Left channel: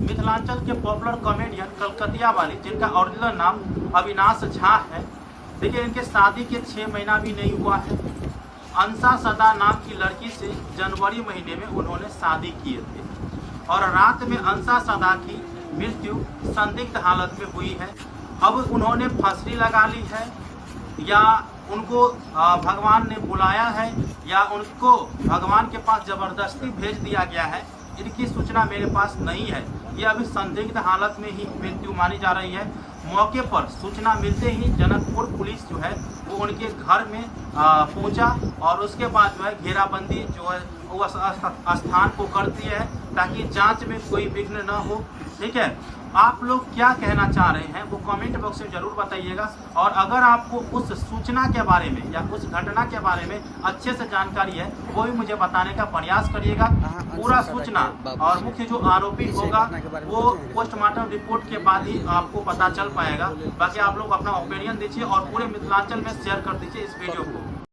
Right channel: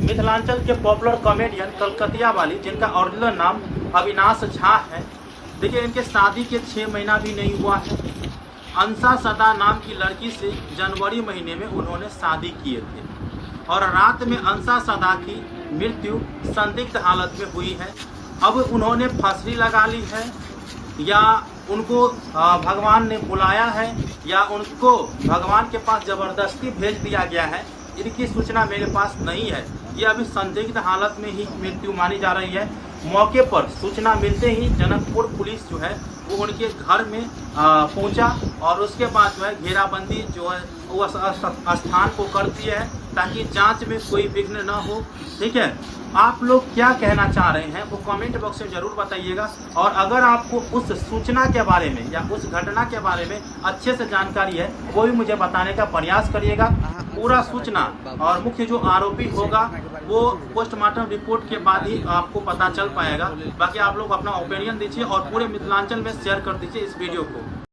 मिथिलांचल के popular comedian कलकतिया वाली, जिनका ओरिजिनल नाम अविनाश झा है। देखिए, इनके शादी के 6 महीना भी नहीं हुआ है। अंसा सदा नाम की लड़की से जनवरी महीने में उन्होंने शादी किए थे और रात में अंसा सदा की मृत्यु संदिग्ध हालत में हुई है। अब उन्होंने फांसी लगा ली है या उनको भगवान ने बुलाया है या उनको भगवान के पास जबरदस्ती भेज दिया गया है, इनकी सूचना मेरे पास नहीं है। ये अभी संदिग्ध हालत में ही मृत्यु मानी जा रही है। मौके पर सूचना मिलते ही जनकपुर पुलिस जो है वो उनके घर में पहुंचा और उसके बाद जो है घेराबंदी जो है वो स्थान को करती है ताकि जांच में कोई विघ्न न हो। ठीक है, आप लोग क्या कहना चाह रहे हैं वो कमेंट बॉक्स में जरूर बताइएगा। और अगर आपको उस सूचना के बारे में या उस घटना के बारे में अच्छे से जानकारी है वो भी मुझे बताने का प्रयास करिएगा। पूरा सूचना और मुख्य जो आरोपी होगा वो पोस्टमार्टम रिपोर्ट के बाद ही आपको पता चल पाएगा। बाकी आप लोग अपना ओपिनियन दीजिए और पूरे मिथिलांचल में शेयर कर दीजिए इस वीडियो को।